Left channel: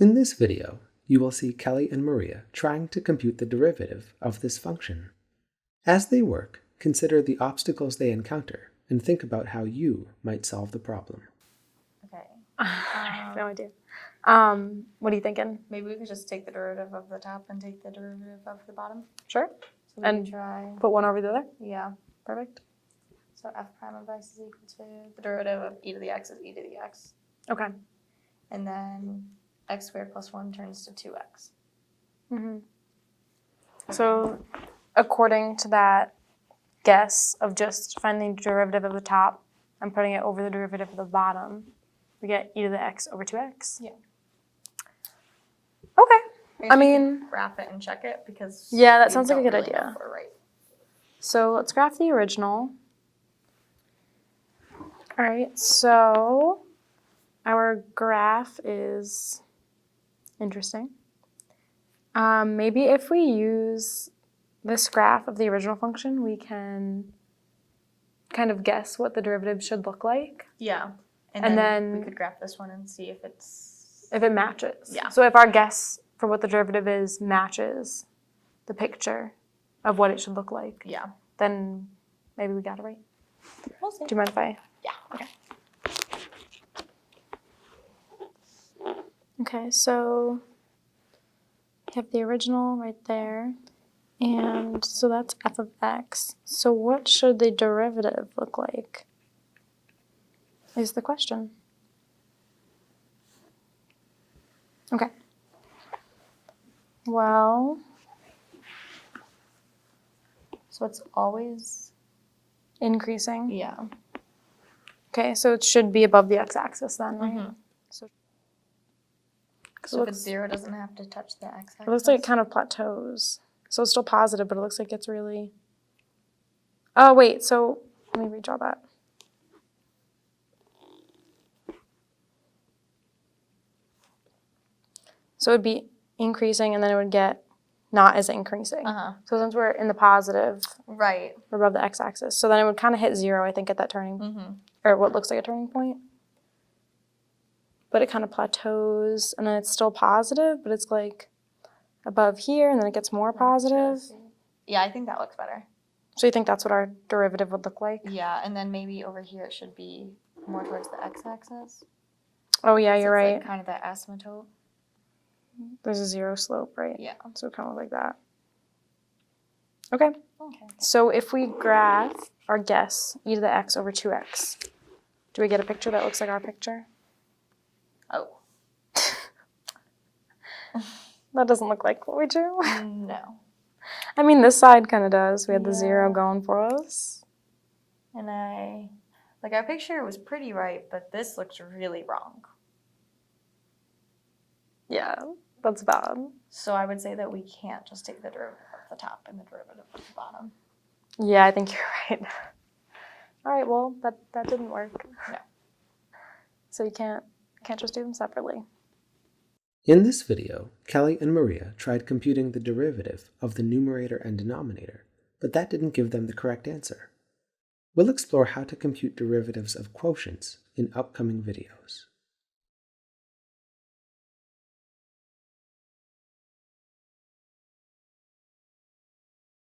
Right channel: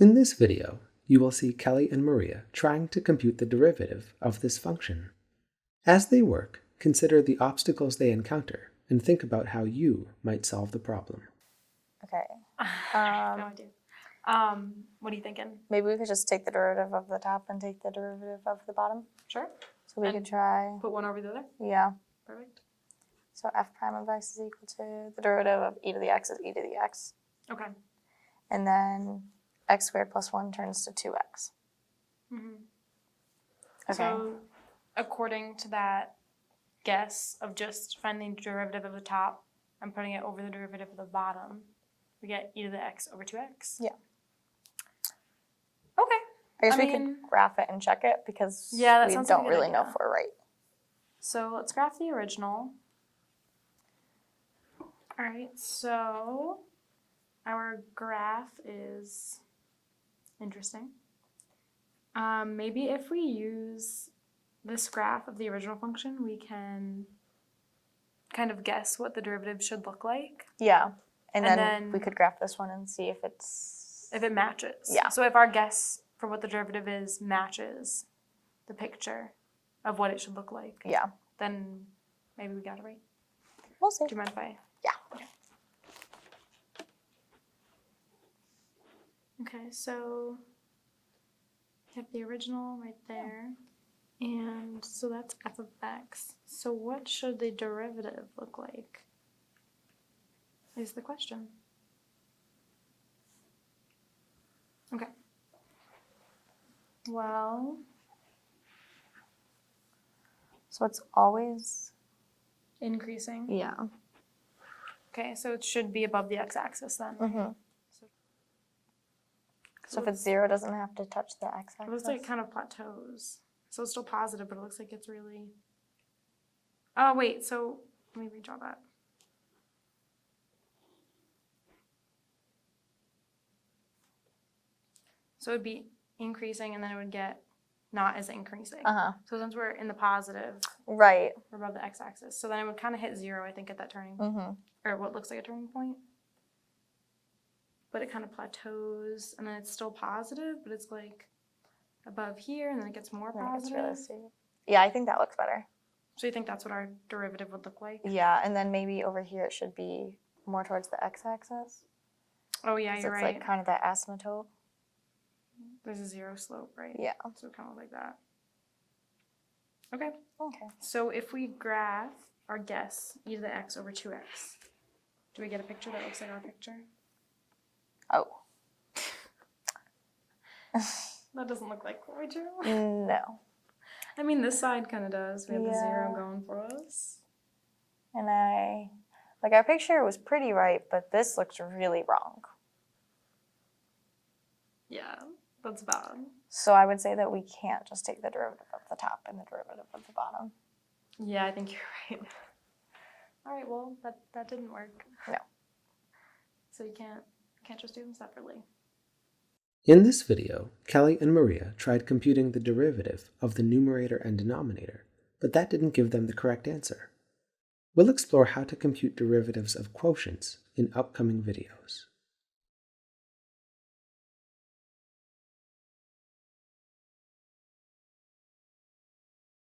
In this video, you will see Kelly and Maria trying to compute the derivative of this function. As they work, consider the obstacles they encounter and think about how you might solve the problem. Okay. No idea. What are you thinking? Maybe we could just take the derivative of the top and take the derivative of the bottom. Sure. So we can try. Put one over the other? Yeah. Perfect. So f prime of x is equal to the derivative of e to the x is e to the x. Okay. And then x squared plus 1 turns to 2x. Mm-hmm. Okay. So according to that guess of just finding the derivative of the top and putting it over the derivative of the bottom, we get e to the x over 2x. Yeah. Okay. I mean, graph it and check it because yeah, that sounds like a good really idea. know if we're right. So let's graph the original. All right, so our graph is interesting. Maybe if we use this graph of the original function, we can kind of guess what the derivative should look like. Yeah, and then we could graph this one and see if it matches. Yeah. So if our guess for what the derivative is matches the picture of what it should look like, yeah, then maybe we got it right. We'll see. Do you mind if I? Yeah. Okay. Okay, so you have the original right there, and so that's f of x. So what should the derivative look like is the question. Okay. Well, so it's always increasing. Yeah. Okay, so it should be above the x-axis then, right? Mm-hmm. So if it's 0, it doesn't have to touch the x-axis? It looks like it kind of plateaus. So it's still positive, but it looks like it's really... Oh, wait, so let me redraw that. So it would be increasing, and then it would get not as increasing. Uh-huh. So since we're in the positive, Right. we're above the x-axis. So then it would kind of hit 0, I think, at that turning, or what looks like a turning point. But it kind of plateaus, and then it's still positive, but it's like above here, and then it gets more positive. Yeah, I think that looks better. So you think that's what our derivative would look like? Yeah, and then maybe over here it should be more towards the x-axis. Oh yeah, you're right. Like kind of that asymptote. There's a 0 slope, right? Yeah. So kind of like that. Okay. Okay. So if we graph our guess, e to the x over 2x, do we get a picture that looks like our picture? Oh. That doesn't look like what we drew. No. I mean, this side kind of does. We had the 0 Yeah. going for us. And our picture was pretty right, but this looks really wrong. Yeah, that's bad. So I would say that we can't just take the derivative of the top and the derivative of the bottom. Yeah, I think you're right. All right, well, that didn't work. No. So you can't just do them separately. In this video, Kelly and Maria tried computing the derivative of the numerator and denominator, but that didn't give them the correct answer. We'll explore how to compute derivatives of quotients in upcoming videos.